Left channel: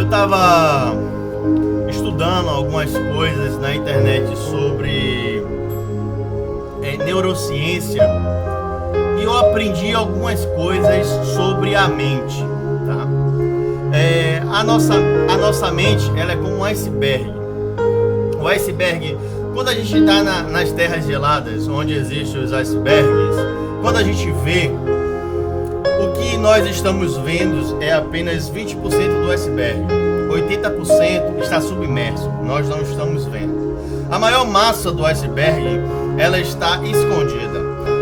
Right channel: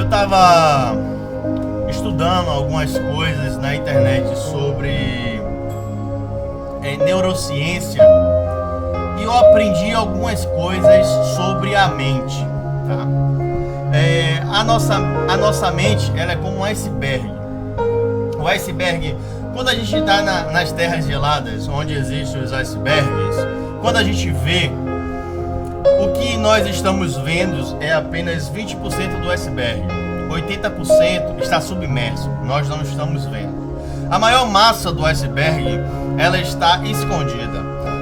Eu estava estudando algumas coisas na internet sobre neurociência e eu aprendi algumas coisas sobre a mente, tá? A nossa mente, ela é como um iceberg. O iceberg, quando a gente está nas terras geladas, onde existem os icebergs, quando a gente vê, o que nós estamos vendo é apenas 20% do iceberg. 80% está submerso, nós não estamos vendo. A maior massa do iceberg, ela está escondida.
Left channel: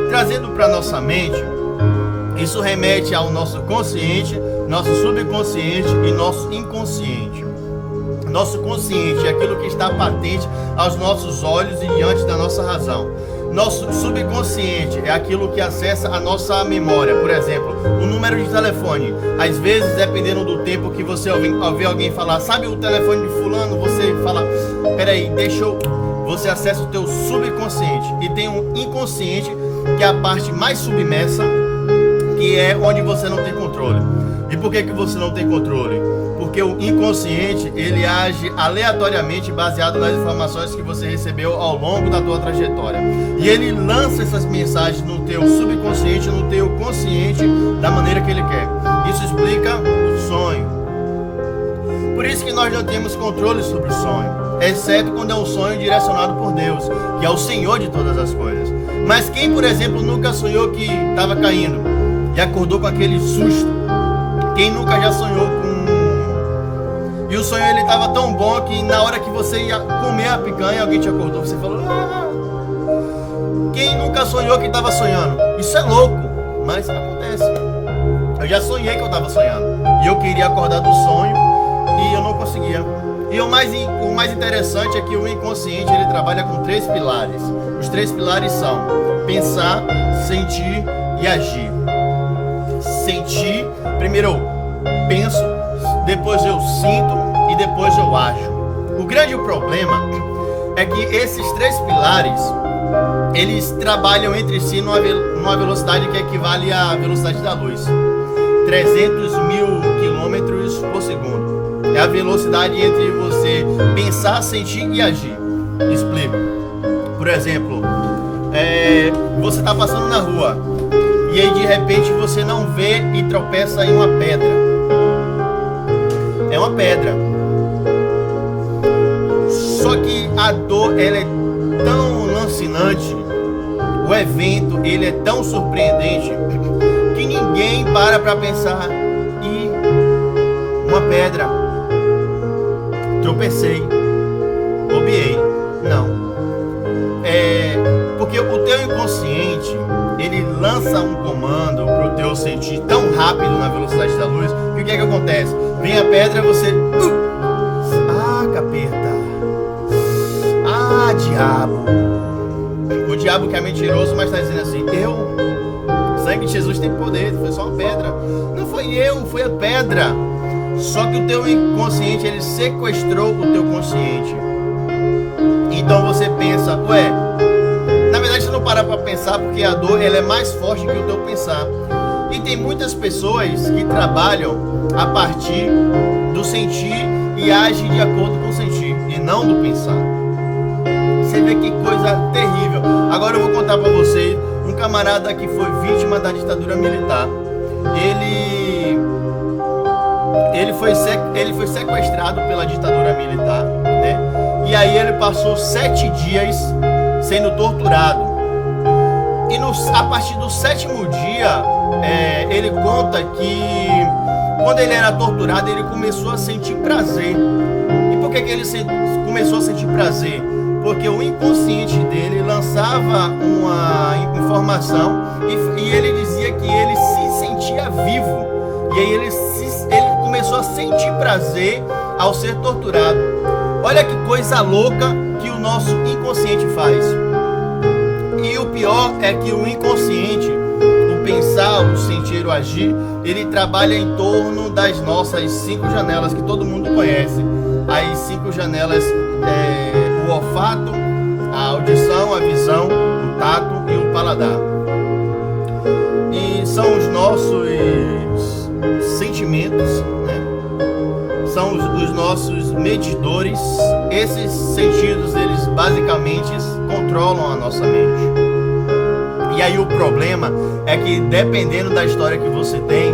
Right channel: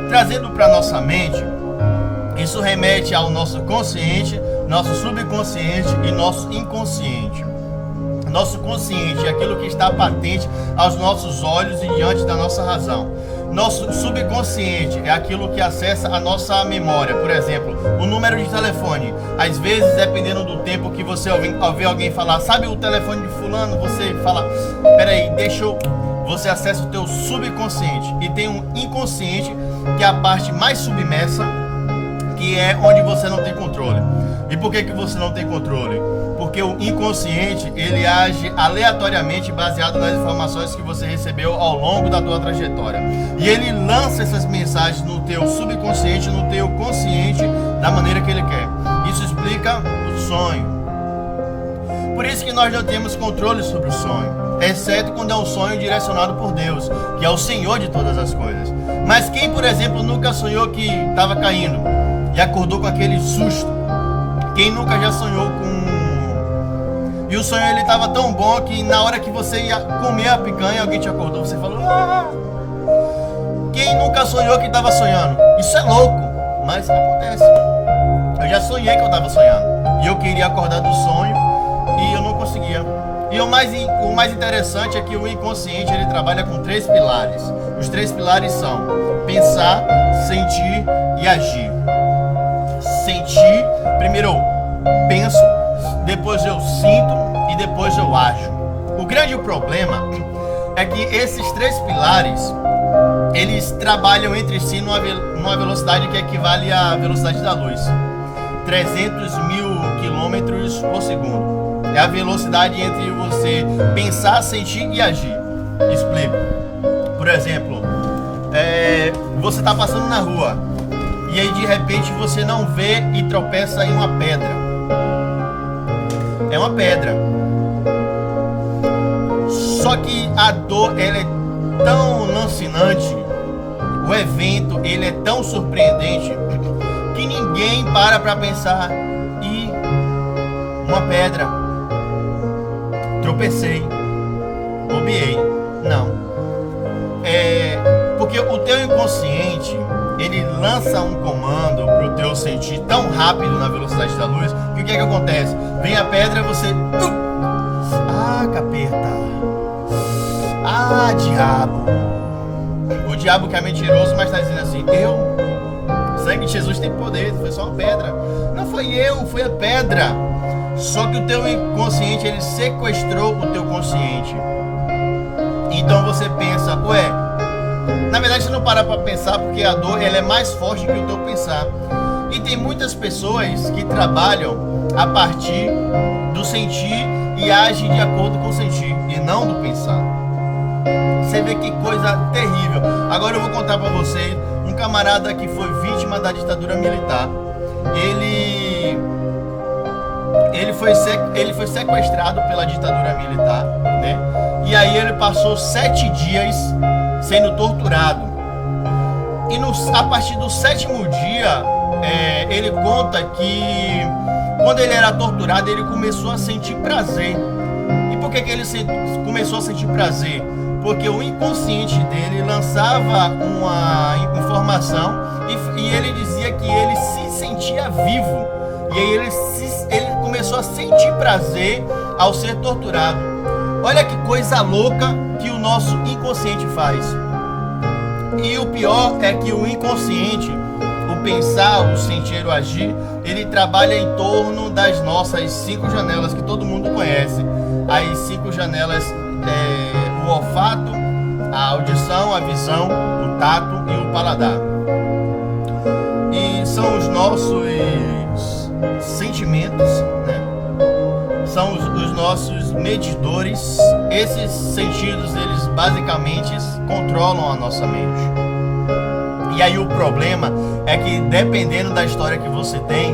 Trazendo para nossa mente, isso remete ao nosso consciente, nosso subconsciente e nosso inconsciente. Nosso consciente é aquilo que está patente aos nossos olhos e diante da nossa razão. Nosso subconsciente é aquilo que acessa a nossa memória. Por exemplo, o número de telefone. Às vezes, dependendo do tempo que você ouvir alguém falar, sabe o telefone de fulano? Você fala, peraí, deixa eu... Você acessa o teu subconsciente. E tem um inconsciente, que é a parte mais submersa, que é onde você não tem controle. E por que você não tem controle? Porque o inconsciente, ele age aleatoriamente baseado nas informações que você recebeu ao longo da tua trajetória. E ele lança essas mensagens no teu subconsciente, no teu consciente, da maneira que ele quer. Isso explica o sonho. Por isso que nós não temos controle sobre o sonho, exceto quando é um sonho direcionado por Deus, que é o Senhor de todas as coisas. Mas quem, por exemplo, nunca sonhou que estava caindo e acordou com aquele susto? Quem nunca já sonhou com... E o sonho ele estava tão bom que na hora que você ia comer a picanha, alguém te acordou, você falou... Ah! Quem nunca sonhou que estava sonhando? Isso é louco, mas acontece. Eu já sonhei que eu estava sonhando. E eu queria acordar do sonho e eu não conseguia. E o mais interessante é que o inconsciente ele trabalha com 3 pilares. Os 3 pilares são pensar, sentir e agir. Sentir, primeiro eu penso, depois eu sinto e depois eu ajo. O grande problema é que esses 3 pilares, eles trabalham entre si numa velocidade que equivale à velocidade da luz. 300 mil quilômetros por segundo. É a velocidade entre você pensar, sentir e agir. Explico. Por exemplo, você está passando na rua e aí de repente você não vê e tropeça em uma pedra. É uma pedra. Só que a dor ela é tão lancinante, o evento ele é tão surpreendente que ninguém para pensar e uma pedra, tropecei, bobeei. Não. Porque o teu inconsciente ele lança um comando pro teu sentir tão rápido na velocidade da luz que o que é que acontece? Vem a pedra, você... Ah, capeta. Ah, diabo. O diabo que é mentiroso, mas tá dizendo assim, o sangue de Jesus tem poder, foi só uma pedra. Não foi eu, foi a pedra. Só que o teu inconsciente, ele sequestrou o teu consciente. Então você pensa, na verdade você não para pra pensar porque a dor ela é mais forte que o teu pensar. E tem muitas pessoas que trabalham a partir do sentir e agem de acordo com o sentir e não do pensar. Você vê que coisa terrível. Agora eu vou contar pra vocês um camarada que foi vítima da ditadura militar. Ele foi sequestrado pela ditadura militar, né? E aí ele passou 7 dias sendo torturado. E a partir do 7º dia, ele conta que quando ele era torturado, ele começou a sentir prazer. E por que ele começou a sentir prazer? Porque o inconsciente dele lançava uma informação e ele dizia que ele se sentia vivo. E aí ele começou a sentir prazer ao ser torturado. Olha que coisa louca que o nosso inconsciente faz. E o pior é que o inconsciente, o pensar, o sentir, o agir, ele trabalha em torno das nossas 5 janelas que todo mundo conhece. As 5 janelas o olfato, a audição, a visão, o tato e o paladar. E são os nossos sentimentos, né? são os nossos medidores. Esses sentidos, eles basicamente controlam a nossa mente. E aí o problema é que, dependendo da história que você tem,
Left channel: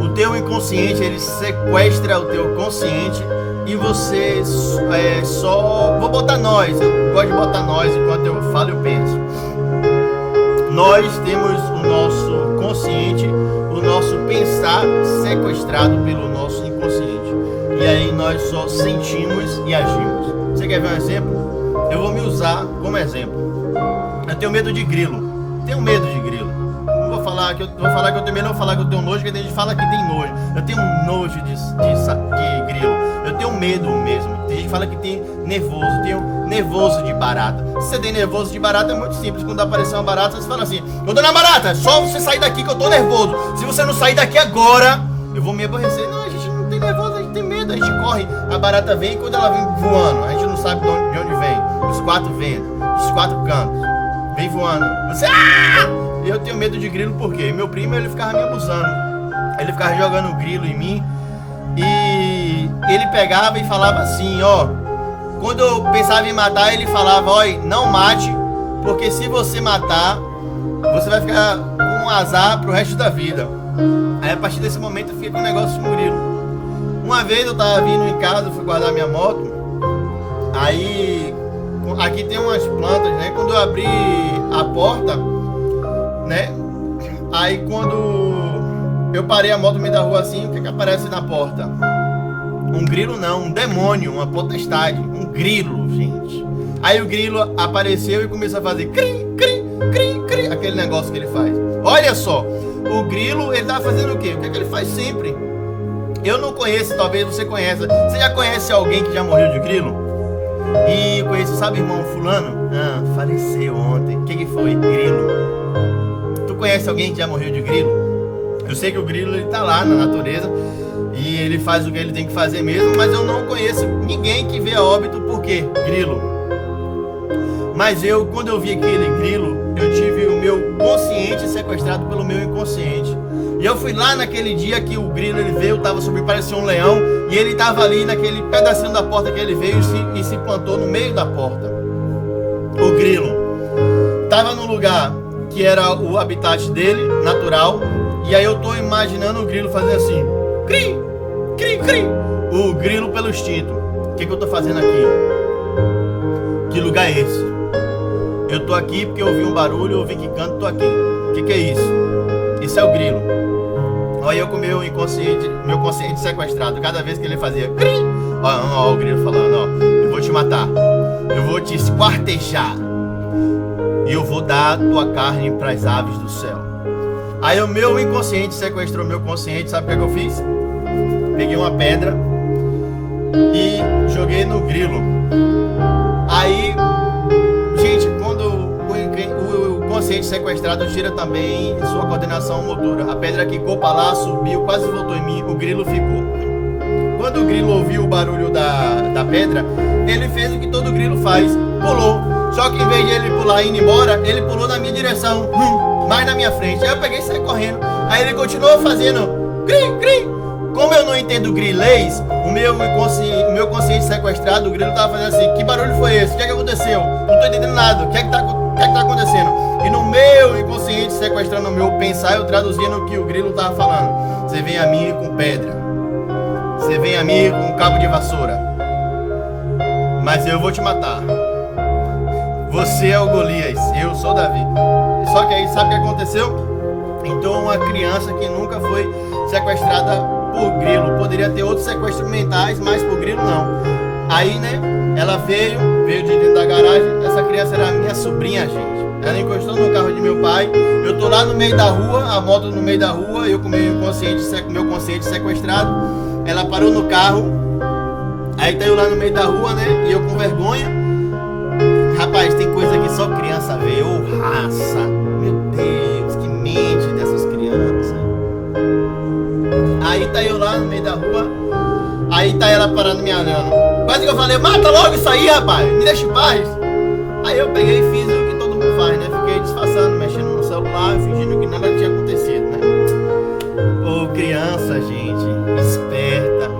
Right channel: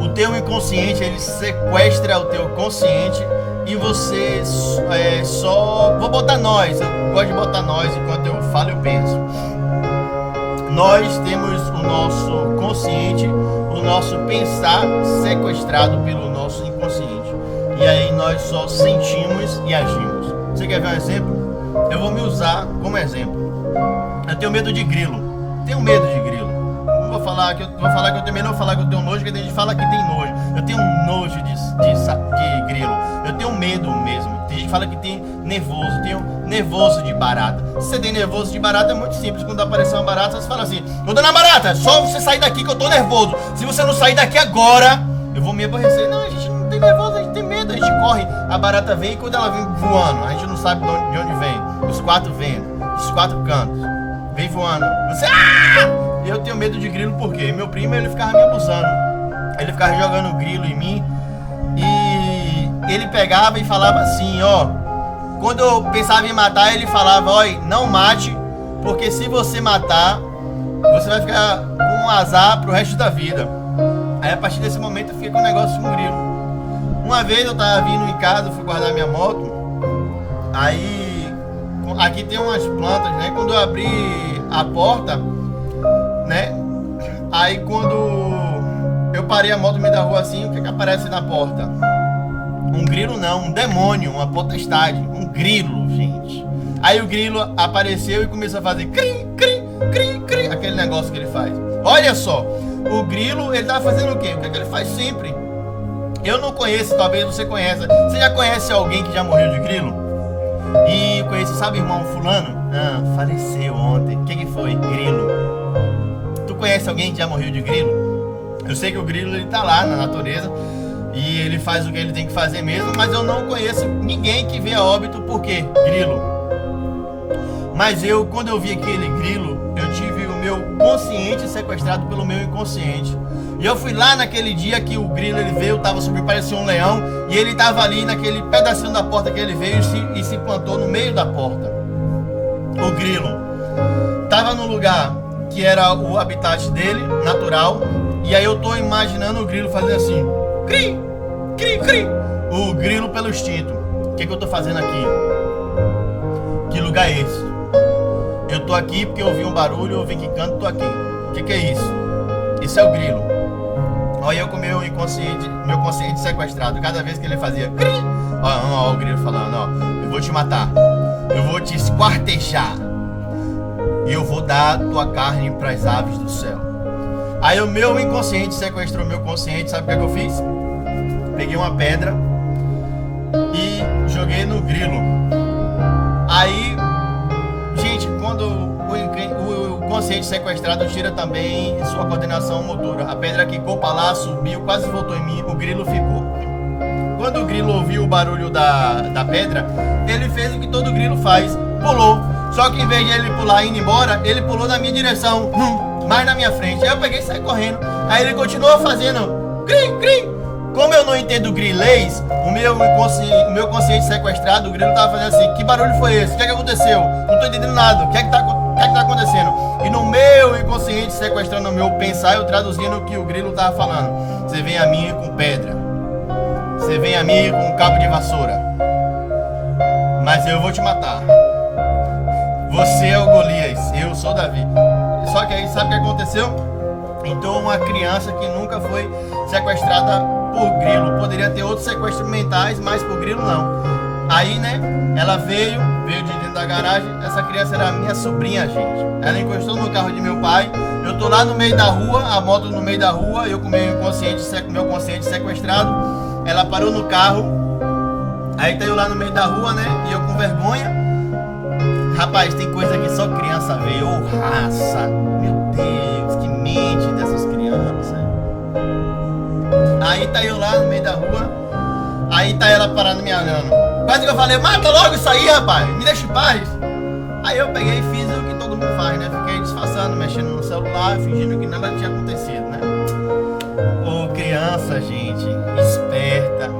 o teu inconsciente, ele sequestra o teu consciente e você vou botar nós, eu gosto de botar nós, enquanto eu falo eu penso. Nós temos o nosso consciente, o nosso pensar sequestrado pelo nosso inconsciente. E aí nós só sentimos e agimos. Você quer ver um exemplo? Eu vou me usar como exemplo. Eu tenho medo de grilo. Tenho medo de grilo. Não vou falar que eu tenho medo, não vou falar que eu tenho nojo, porque tem gente que fala que tem nojo. Eu tenho nojo de grilo. Eu tenho medo mesmo. Tem gente que fala que tem nervoso. Eu tenho nervoso de barata. Se você tem nervoso de barata, é muito simples. Quando aparecer uma barata, você fala assim: ô dona barata, só você sair daqui que eu tô nervoso. Se você não sair daqui agora, eu vou me aborrecer. Não, a gente não tem nervoso, a gente tem medo. A gente corre, a barata vem, e quando ela vem voando, a gente não sabe de onde vem. Dos quatro ventos, dos quatro cantos. Vem voando. Você... Eu tenho medo de grilo porque meu primo, ele ficava me abusando. Ele ficava jogando grilo em mim. E ele pegava e falava assim, ó. Quando eu pensava em matar, ele falava: ó, não mate, porque se você matar, você vai ficar com um azar pro resto da vida. Aí a partir desse momento eu fiquei com um negócio com grilo. Uma vez eu tava vindo em casa, fui guardar minha moto. Aí aqui tem umas plantas, né? Quando eu abri a porta, né? Aí quando eu parei a moto no meio da rua assim, o que aparece na porta? Um grilo não, um demônio, uma potestade, um grilo, gente. Aí o grilo apareceu e começou a fazer cri, cri, cri, cri, aquele negócio que ele faz. Olha só, o grilo, ele tá fazendo o quê? O que é que ele faz sempre? Eu não conheço, talvez você conheça. Você já conhece alguém que já morreu de grilo? E eu conheço, sabe, irmão fulano? Ah, faleceu ontem. O que foi? Grilo. Tu conhece alguém que já morreu de grilo? Eu sei que o grilo, ele tá lá na natureza e ele faz o que ele tem que fazer mesmo, mas eu não conheço ninguém que vê a óbito por quê? Grilo. Mas quando eu vi aquele grilo, eu tive o meu consciente sequestrado pelo meu inconsciente. E eu fui lá naquele dia que o grilo, ele veio, tava subindo, parecia um leão, e ele tava ali naquele pedacinho da porta que ele veio e se plantou no meio da porta. O grilo tava no lugar que era o habitat dele, natural, e aí eu tô imaginando o grilo fazer assim, cri, cri, cri, o grilo pelo instinto. O que eu tô fazendo aqui? Que lugar é esse? Eu tô aqui porque eu ouvi um barulho, eu ouvi que canto, tô aqui. O que é isso? Isso é o grilo. Olha eu com o meu consciente sequestrado. Cada vez que ele fazia cri, ó o grilo falando, ó, eu vou te matar, eu vou te esquartejar e eu vou dar tua carne para as aves do céu. Aí o meu inconsciente sequestrou o meu consciente. Sabe o que eu fiz? Peguei uma pedra e joguei no grilo. Aí, gente, quando o consciente sequestrado tira também sua coordenação motora. A pedra quicou para lá, subiu, quase voltou em mim, o grilo ficou. Quando o grilo ouviu o barulho da pedra, ele fez o que todo grilo faz, pulou. Só que em vez de ele pular e ir embora, ele pulou na minha direção, mais na minha frente. Aí eu peguei e saí correndo. Aí ele continuou fazendo cri, cri. Como eu não entendo grilês, o meu consciente sequestrado, o grilo tava fazendo assim: que barulho foi esse? O que é que aconteceu? Não tô entendendo nada. O que é que tá acontecendo? E no meu inconsciente sequestrando o meu pensar, eu traduzindo o que o grilo tava falando. Você vem a mim com pedra, você vem a mim com um cabo de vassoura, mas eu vou te matar. Você é o Golias, eu sou Davi. Só que aí sabe o que aconteceu? Então uma criança que nunca foi sequestrada por grilo, poderia ter outros sequestros mentais, mas por grilo não. Aí, né, ela veio de dentro da garagem. Essa criança era minha sobrinha, gente. Ela encostou no carro de meu pai. Eu tô lá no meio da rua, a moto no meio da rua, eu com meu consciente sequestrado. Ela parou no carro. Aí tá eu lá no meio da rua, né, e eu com vergonha. Rapaz, tem coisa que só criança vê. Ô raça, meu Deus, que mente dessas crianças. Aí tá eu lá no meio da rua. Aí tá ela parando me olhando. Quase que eu falei: mata logo isso aí, rapaz, me deixa em paz. Aí eu peguei e fiz o que todo mundo faz, né? Fiquei disfarçando, mexendo no celular, fingindo que nada tinha acontecido, né? Ô criança, gente, esperta.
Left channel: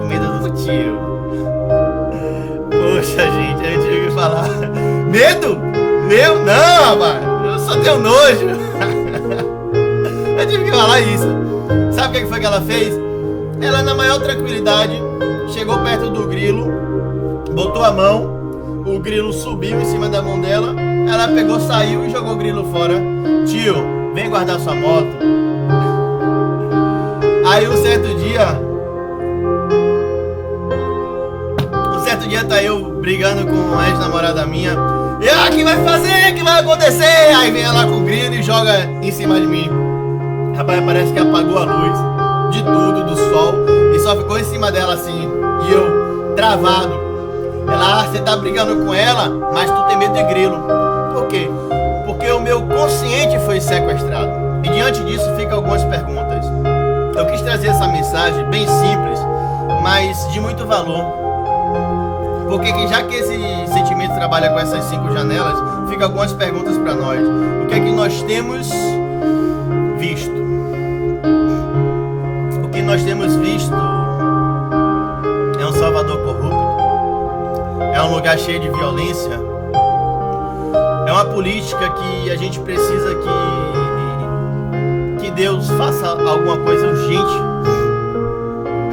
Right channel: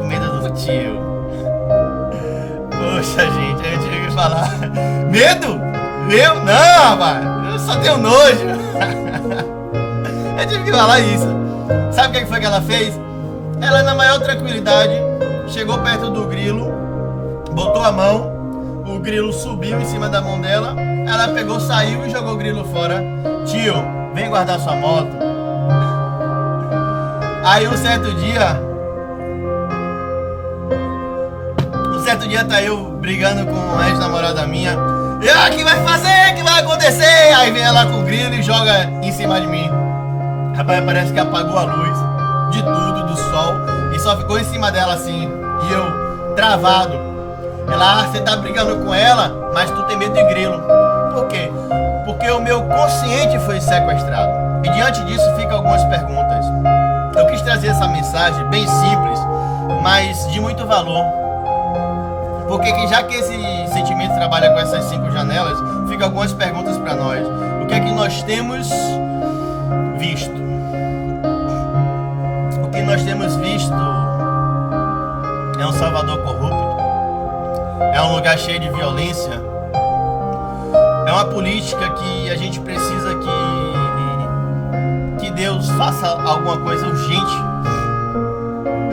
com medo do tio. Poxa, gente, eu tive que falar. Medo? Eu? Não, rapaz. Eu só tenho nojo. Eu tive que falar isso. Sabe o que foi que ela fez? Ela, na maior tranquilidade, chegou perto do grilo, botou a mão, o grilo subiu em cima da mão dela, ela pegou, saiu e jogou o grilo fora. Tio, vem guardar sua moto. Aí um certo dia tá eu brigando com a ex-namorada minha. E o que vai fazer? O que vai acontecer? Aí vem ela com o grilo e joga em cima de mim. Rapaz, parece que apagou a luz de tudo, do sol, e só ficou em cima dela assim. E eu, travado. Ela, você tá brigando com ela, mas tu tem medo de grilo. Por quê? Porque o meu consciente foi sequestrado. E diante disso ficam algumas perguntas. Eu quis trazer essa mensagem bem simples, mas de muito valor. Porque já que esse sentimento trabalha com essas 5 janelas, ficam algumas perguntas para nós. O que é que nós temos visto? O que nós temos visto é um Salvador corrupto, é um lugar cheio de violência, é uma política que a gente precisa que Deus faça alguma coisa urgente.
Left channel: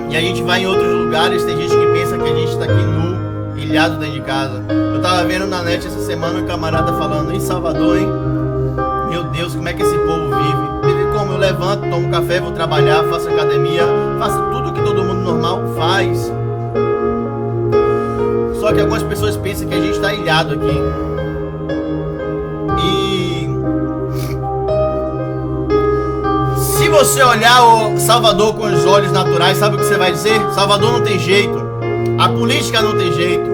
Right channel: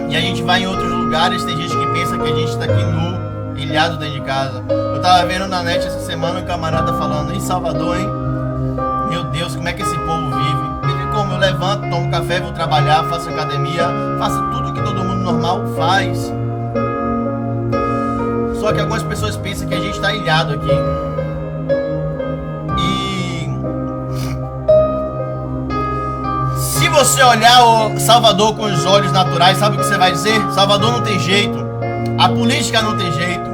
E a gente vai em outros lugares, tem gente que pensa que a gente está aqui nu, ilhado dentro de casa. Eu tava vendo na net essa semana um camarada falando, em Salvador, hein? Meu Deus, como é que esse povo vive? Vive como? Eu levanto, tomo café, vou trabalhar, faço academia, faço tudo que todo mundo normal faz. Só que algumas pessoas pensam que a gente está ilhado aqui. E se você olhar o Salvador com os olhos naturais, sabe o que você vai dizer? Salvador não tem jeito. A política não tem jeito.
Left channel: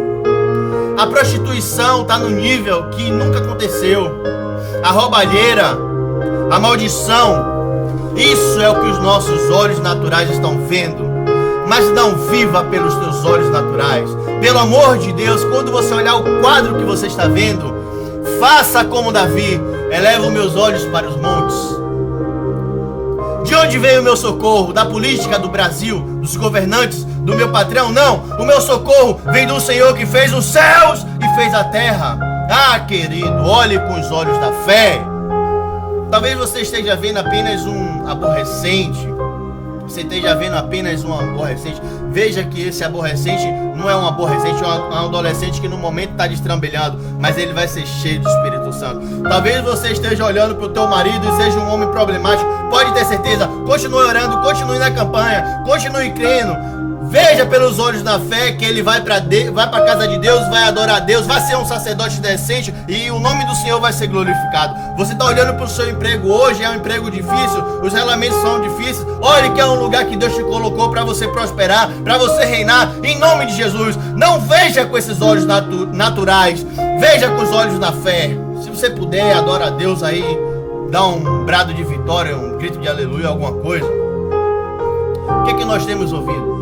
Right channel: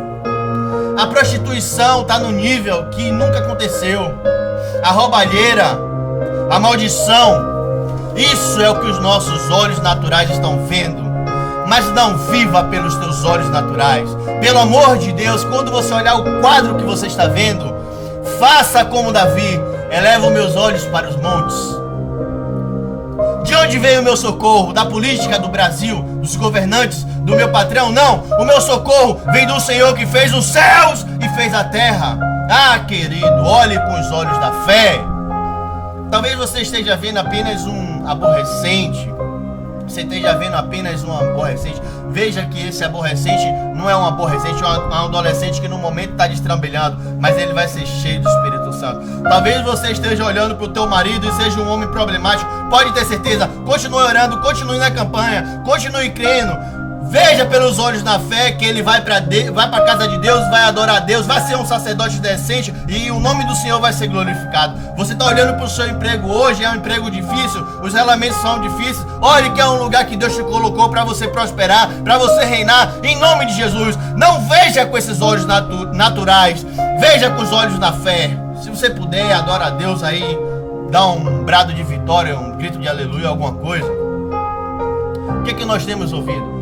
A prostituição está no nível que nunca aconteceu. A roubalheira, a maldição, isso é o que os nossos olhos naturais estão vendo. Mas não viva pelos teus olhos naturais. Pelo amor de Deus, quando você olhar o quadro que você está vendo, faça como Davi, eleva os meus olhos para os montes. De onde veio o meu socorro? Da política do Brasil, dos governantes, do meu patrão? Não, o meu socorro vem do Senhor que fez os céus e fez a terra. Ah, querido, olhe com os olhos da fé. Talvez você esteja vendo apenas um aborrecente. Você esteja vendo apenas um aborrecente. Veja que esse aborrecente não é um aborrecente, é um adolescente que no momento está destrambelhando, mas ele vai ser cheio do Espírito Santo. Talvez você esteja olhando para o teu marido e seja um homem problemático. Pode ter certeza, continue orando, continue na campanha, continue crendo. Veja pelos olhos da fé que ele vai para a casa de Deus, vai adorar a Deus, vai ser um sacerdote decente e o nome do Senhor vai ser glorificado. Você está olhando para o seu emprego hoje, é um emprego difícil, os relamentos são difíceis. Olhe que é um lugar que Deus te colocou para você prosperar, para você reinar, em nome de Jesus. Não veja com esses olhos naturais, veja com os olhos da fé. Se você puder, adora a Deus aí, dá um brado de vitória, um grito de aleluia, alguma coisa. O que é que nós temos ouvido?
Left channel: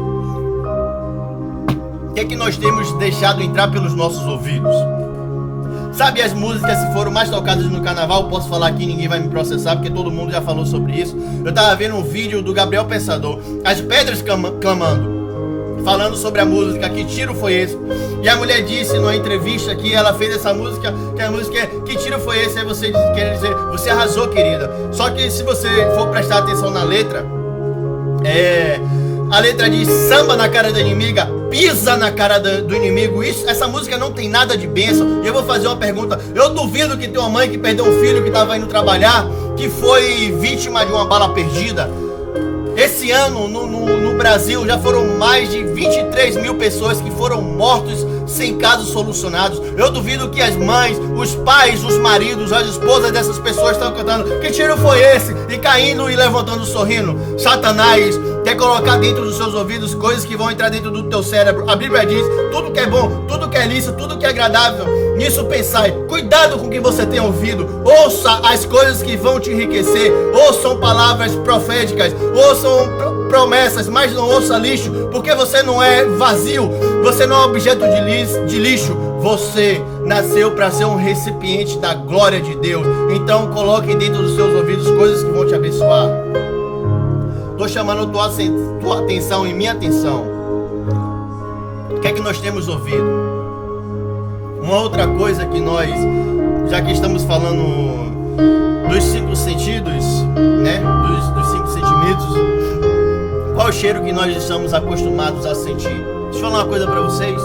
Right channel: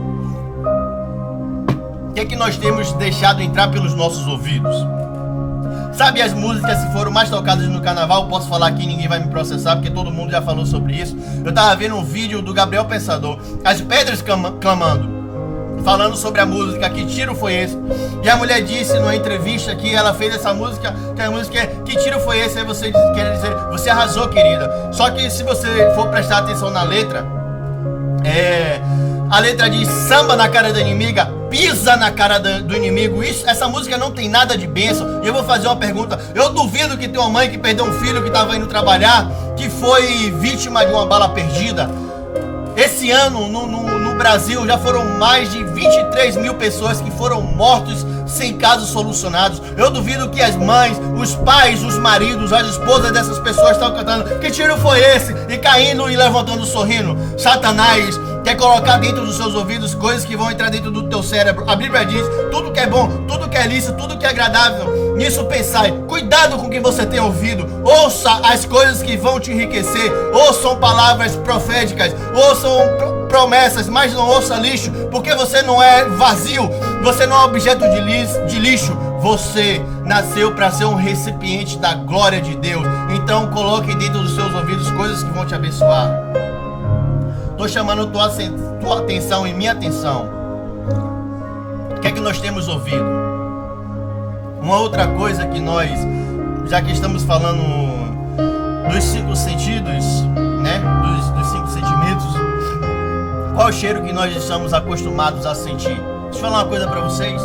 O que é que nós temos deixado entrar pelos nossos ouvidos? Sabe as músicas que foram mais tocadas no carnaval? Eu posso falar aqui, ninguém vai me processar, porque todo mundo já falou sobre isso. Eu tava vendo um vídeo do Gabriel Pensador, As Pedras Clamando, falando sobre a música, que tiro foi esse? E a mulher disse numa entrevista que ela fez essa música, que a música é, que tiro foi esse? Aí você quer dizer, você arrasou, querida. Só que se você for prestar atenção na letra, a letra diz, samba na cara da inimiga, pisa na cara do inimigo. Essa música não tem nada de bênção. E eu vou fazer uma pergunta. Eu duvido que tem uma mãe que perdeu um filho que estava indo trabalhar, que foi vítima de uma bala perdida. Esse ano no Brasil já foram mais de 23 mil pessoas que foram mortos sem casos solucionados. Eu duvido que as mães, os pais, os maridos, as esposas dessas pessoas estão cantando, que tiro foi esse? E caindo e levantando, sorrindo. Satanás quer colocar dentro dos seus ouvidos coisas que vão entrar dentro do teu cérebro. A Bíblia diz, tudo que é bom, tudo que é lícito, tudo que é agradável, nisso pensai. Cuidado com o que você tem ouvido. Ouça as coisas que vão te enriquecer. Ouçam palavras proféticas, ouçam promessas, mas não ouça lixo, porque você não é vazio, você não é objeto de lixo. Você nasceu para ser um recipiente da glória de Deus. Então coloque dentro dos seus ouvidos coisas que vão te abençoar. Estou chamando tua atenção e minha atenção que é que nós temos ouvido? Uma outra coisa que nós, já que estamos falando dos 5 sentidos, né? Dos 5 sentimentos, qual o cheiro que nós estamos acostumados a sentir? Deixa eu falar uma coisa para vocês.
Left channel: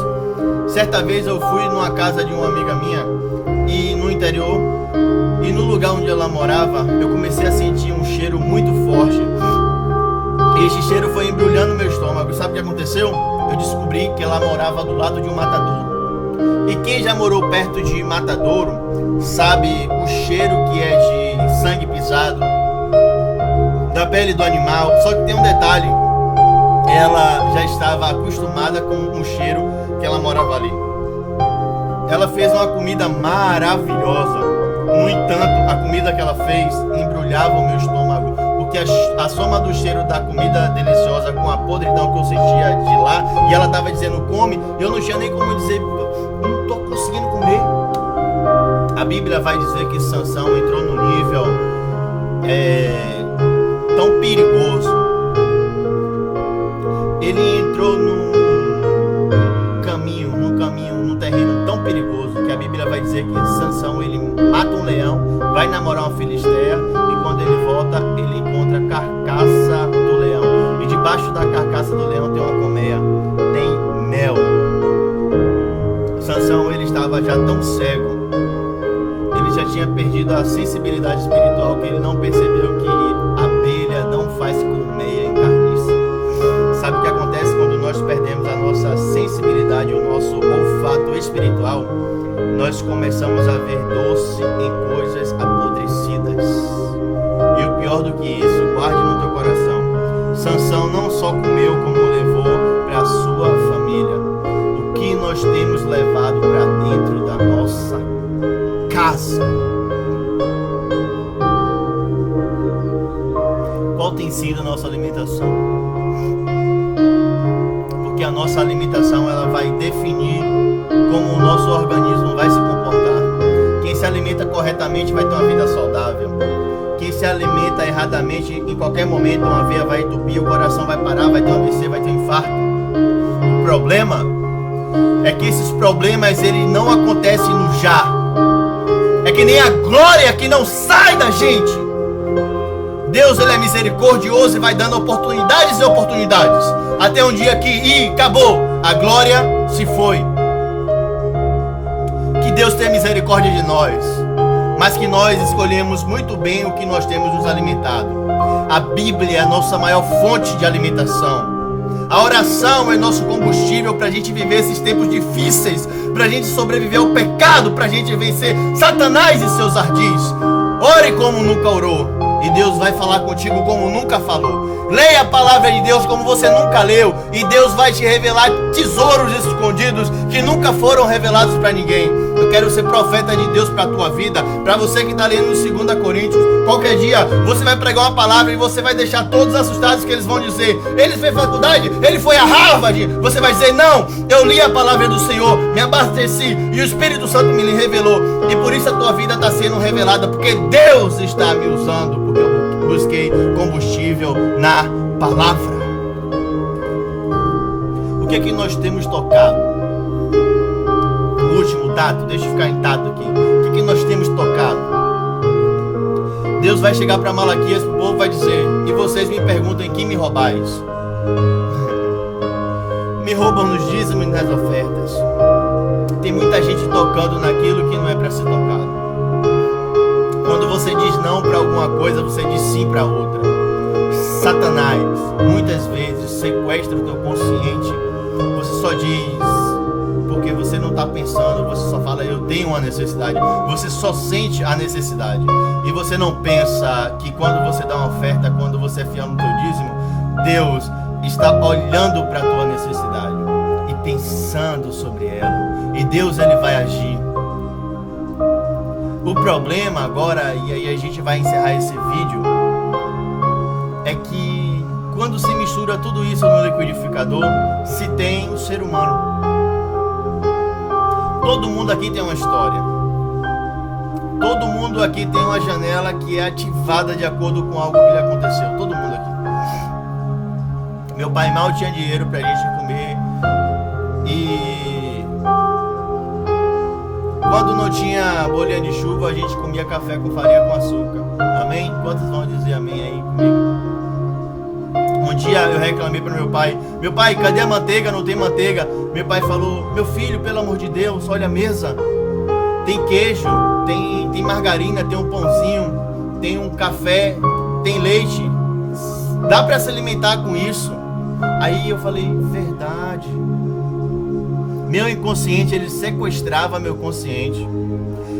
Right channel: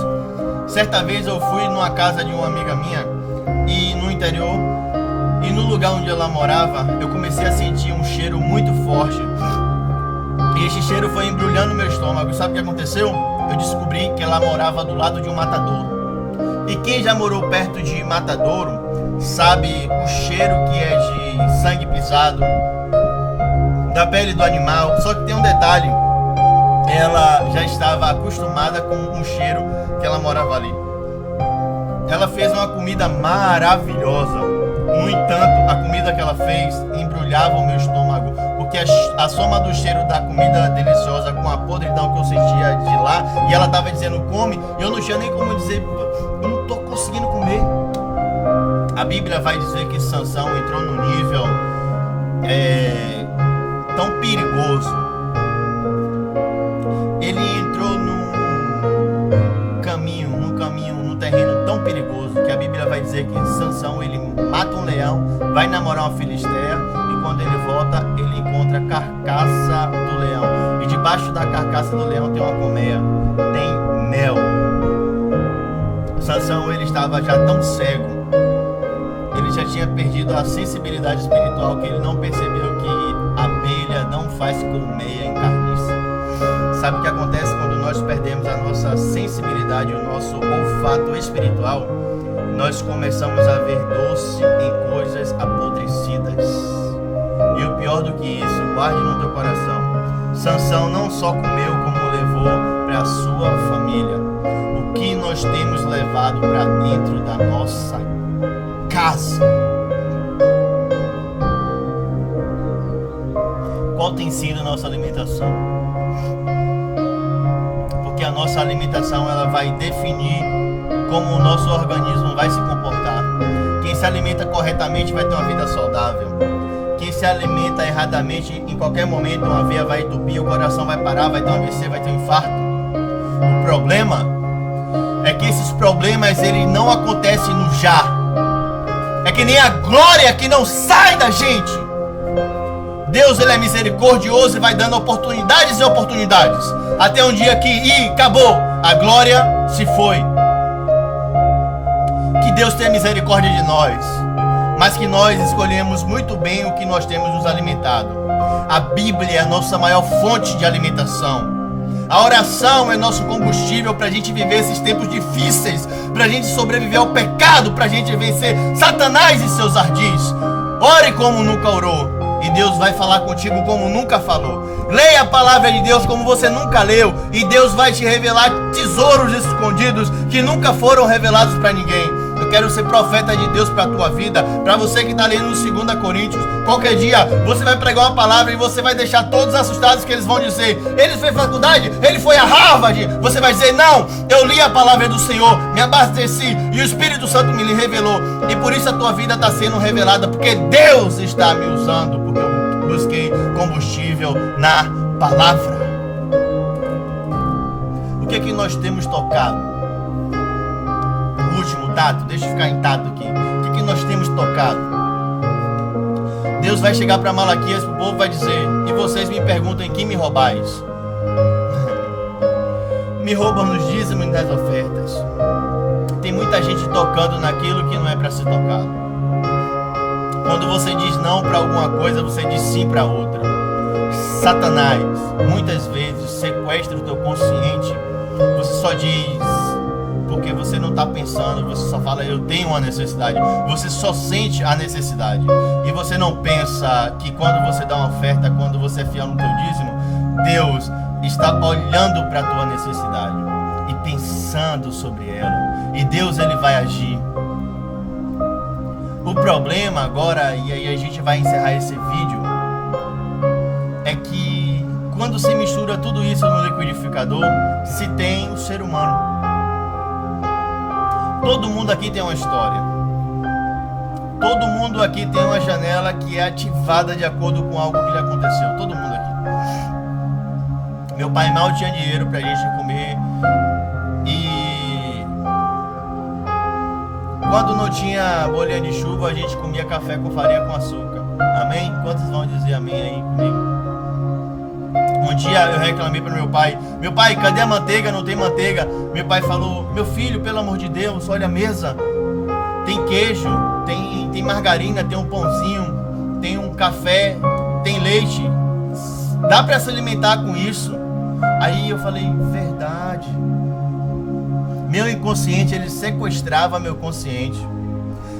Certa vez eu fui numa casa de uma amiga minha, e no interior, e no lugar onde ela morava, eu comecei a sentir um cheiro muito forte. E esse cheiro foi embrulhando meu estômago. Sabe o que aconteceu? Eu descobri que ela morava do lado de um matadouro. E quem já morou perto de matadouro sabe o cheiro que é de sangue pisado, da pele do animal. Só que tem um detalhe: ela já estava acostumada com o cheiro que ela morava ali. Ela fez uma comida maravilhosa. No entanto, a comida que ela fez embrulhava o meu estômago, porque a soma do cheiro da comida deliciosa com a podridão que eu sentia de lá, e ela estava dizendo come, e eu não tinha nem como dizer, eu não estou conseguindo comer. A Bíblia vai dizer que Sansão entrou no nível tão perigoso. Ele entrou num terreno tão perigoso que a Bíblia vai dizer que Sansão, ele mata um leão, vai namorar uma filisteia, e quando ele volta, ele encontra a carcaça do leão, e debaixo da carcaça do leão tem uma colmeia, tem mel. Sansão, ele estava já tão cego, ele já tinha perdido a sensibilidade espiritual, que ele não percebeu que abelha não faz colmeia em carniça. Sabe o que acontece quando nós perdemos a nossa sensibilidade, o nosso olfato espiritual? Nós começamos a ver doce em coisas apodrecidas. E o pior do que isso, guarde no teu coração, Sansão não só comeu, como levou para a sua família. O que nós temos levado para dentro da nossa casa? Qual tem sido a nossa alimentação? Porque a nossa alimentação, ela vai definir como o nosso organismo vai se comportar. Quem se alimenta corretamente vai ter uma vida saudável. Quem se alimenta erradamente, em qualquer momento uma veia vai entupir, o coração vai parar, vai ter um AVC, vai ter um infarto. O problema é que esses problemas, ele não acontecem no já. É que nem a glória que não sai da gente. Deus, ele é misericordioso e vai dando oportunidades e oportunidades, até um dia que acabou, a glória se foi. Que Deus tenha misericórdia de nós, mas que nós escolhemos muito bem o que nós temos nos alimentado. A Bíblia é a nossa maior fonte de alimentação. A oração é nosso combustível para a gente viver esses tempos difíceis, para a gente sobreviver ao pecado, para a gente vencer Satanás e seus ardis. Ore como nunca orou, e Deus vai falar contigo como nunca falou. Leia a palavra de Deus como você nunca leu, e Deus vai te revelar tesouros escondidos que nunca foram revelados para ninguém. Eu quero ser profeta de Deus para a tua vida. Para você que está lendo no 2 Coríntios, qualquer dia você vai pregar uma palavra e você vai deixar todos assustados, que eles vão dizer, ele fez faculdade, ele foi a Harvard. Você vai dizer, não, eu li a palavra do Senhor, me abasteci e o Espírito Santo me revelou, e por isso a tua vida está sendo revelada, porque Deus está me usando, porque eu busquei combustível na palavra. O que é que nós temos tocado? O último tato, deixa eu ficar em tato aqui. O que é que nós temos tocado? Deus vai chegar para Malaquias, o povo vai dizer, e vocês me perguntam, em que me roubais? Me roubam nos dízimos e nas ofertas. Tem muita gente tocando naquilo que não é para ser tocado. Quando você diz não para alguma coisa, você diz sim para outra. Satanás, muitas vezes, sequestra o teu consciente. Você só diz porque você não está pensando, você só fala, eu tenho uma necessidade. Você só sente a necessidade. E você não pensa que quando você dá uma oferta, quando você é fiel no teu dízimo, Deus está olhando para a tua necessidade e pensando sobre ela. E Deus, ele vai agir. O problema agora, e aí a gente vai encerrar esse vídeo, é que quando se mistura tudo isso no liquidificador, se tem o ser humano. Todo mundo aqui tem uma história. Todo mundo aqui tem uma janela que é ativada de acordo com algo que lhe aconteceu. Todo mundo aqui. Meu pai mal tinha dinheiro pra gente comer E quando não tinha bolinha de chuva, a gente comia café com farinha com açúcar. Amém? Quantos vão dizer amém aí comigo? Um dia eu reclamei para meu pai: meu pai, cadê a manteiga? Não tem manteiga. Meu pai falou: meu filho, pelo amor de Deus, olha a mesa. Tem queijo, tem margarina, tem um pãozinho, tem um café, tem leite. Dá para se alimentar com isso. Aí eu falei: verdade. Meu inconsciente, ele sequestrava meu consciente.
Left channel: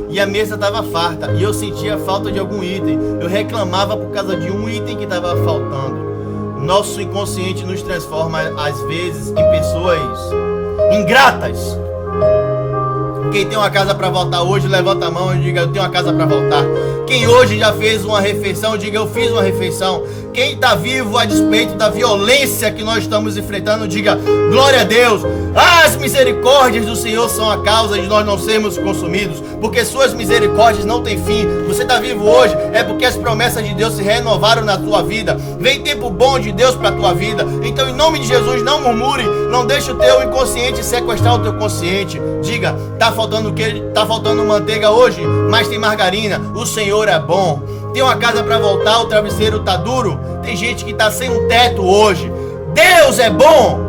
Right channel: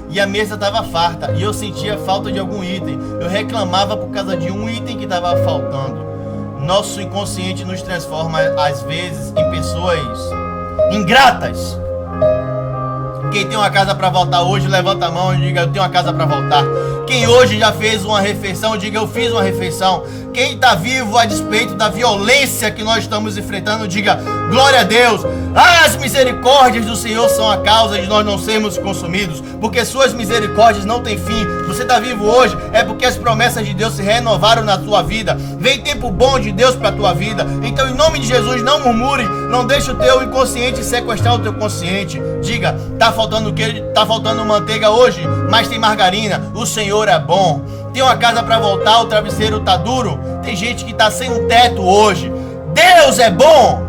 E a mesa estava farta e eu sentia falta de algum item. Eu reclamava por causa de um item que estava faltando. Nosso inconsciente nos transforma às vezes em pessoas ingratas. Quem tem uma casa para voltar hoje, levanta a mão e diga: eu tenho uma casa para voltar. Quem hoje já fez uma refeição, diga: eu fiz uma refeição. Quem está vivo a despeito da violência que nós estamos enfrentando, diga: glória a Deus. As misericórdias do Senhor são a causa de nós não sermos consumidos, porque suas misericórdias não têm fim. Você está vivo hoje é porque as promessas de Deus se renovaram na tua vida. Vem tempo bom de Deus para a tua vida. Então, em nome de Jesus, não murmure, não deixe o teu inconsciente sequestrar o teu consciente. Diga: tá faltando queijo, tá faltando manteiga hoje, mas tem margarina. O Senhor é bom. Tem uma casa para voltar, o travesseiro tá duro. Tem gente que tá sem um teto hoje. Deus é bom.